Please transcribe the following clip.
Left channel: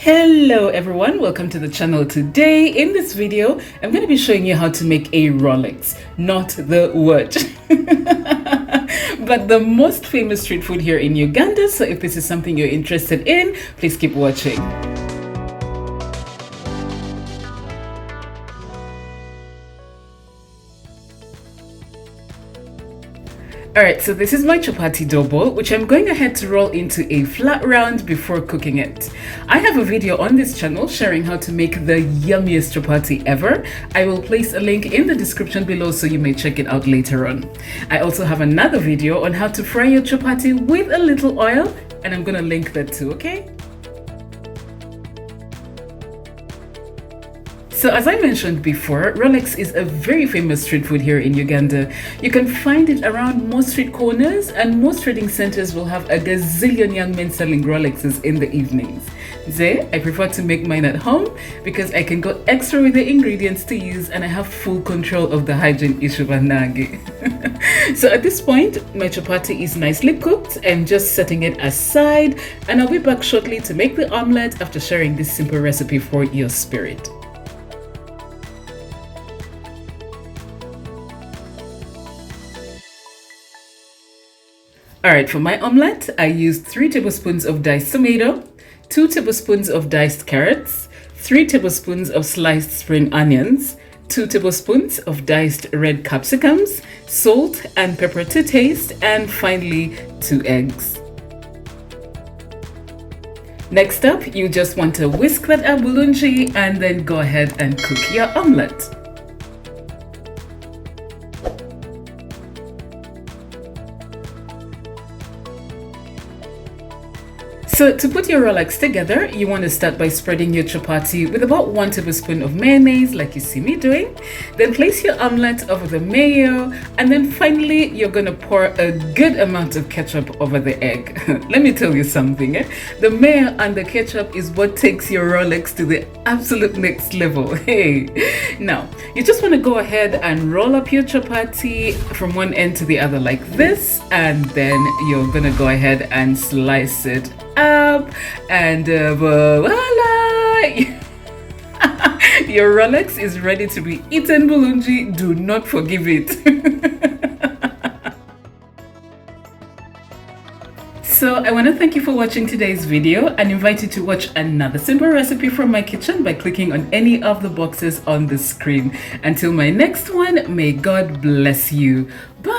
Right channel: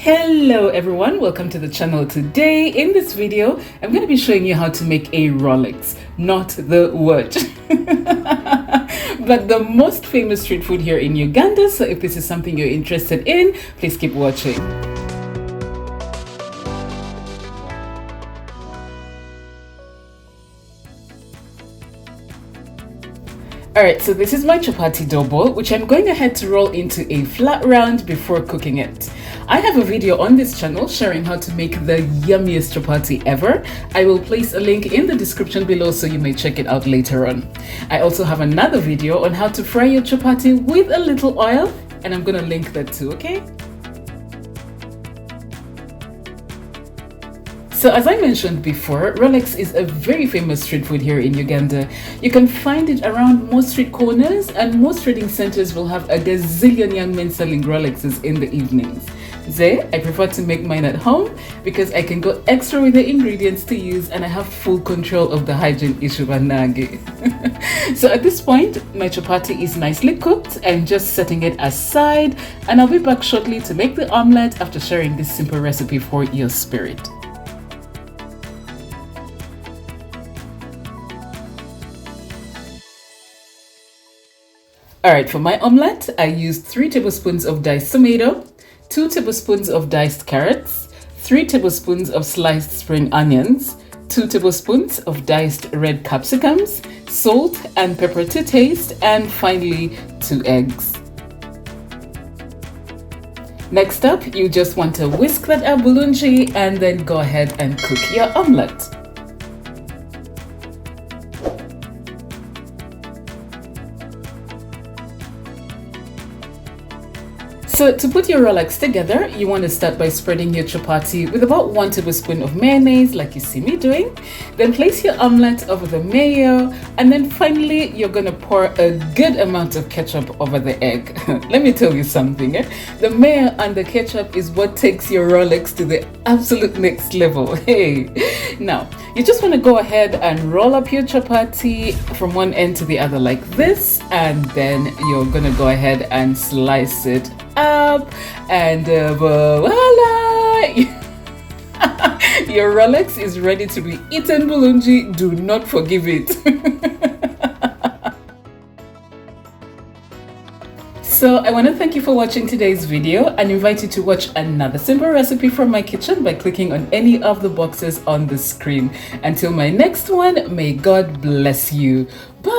Hello everyone, welcome to the channel. Today in this video I'm going to be showing you how to make a Rolex, not the watch but the most famous street food here in Uganda. So if this is something you're interested in, please keep watching. Alright, so this is my chapati dough ball, which I'm going ahead to roll into a flat round before cooking it. I have a video on this channel sharing how to make the yummiest chapati ever. I will place a link in the description below so you may check it out later on. I also have another video on how to fry your chapati with a little oil, and I'm gonna link that too, okay? So as I mentioned before, Rolex is a very famous street food here in Uganda. You can find it around most street corners, and most trading centers will have a gazillion young men selling Rolexes in the evenings. I prefer to make mine at home because I can go extra with the ingredients to use, and I have full control of the hygiene issue. So at this point, my chapati is nicely cooked. I'm just setting it aside, and I'll be back shortly to make the omelette after sharing this simple recipe for your spirit. Alright, for my omelette, I used 3 tablespoons of diced tomato, 2 tablespoons of diced carrots, 3 tablespoons of sliced spring onions, 2 tablespoons of diced red capsicums, salt and pepper to taste, and finally 2 eggs. Next up, you just want to whisk that up bulungi and then go ahead and cook your omelette. So to put your Rolex together, you want to start by spreading your chapati with about 1 tablespoon of mayonnaise, like you see me doing. Then place your omelette over the mayo, and then finally you're going to pour a good amount of ketchup over the egg. Let me tell you something, the mayo and the ketchup is what takes your Rolex to the absolute next level. Hey, now you just want to go ahead and roll up your chapati from one end to the other like this, and then you're going to go ahead and slice it up, and voila! Your Rolex is ready to be eaten bulungi. Do not forgive it. So I want to thank you for watching today's video and invite you to watch another simple recipe from my kitchen by clicking on any of the boxes on the screen. Until my next one, may God bless you. Bye.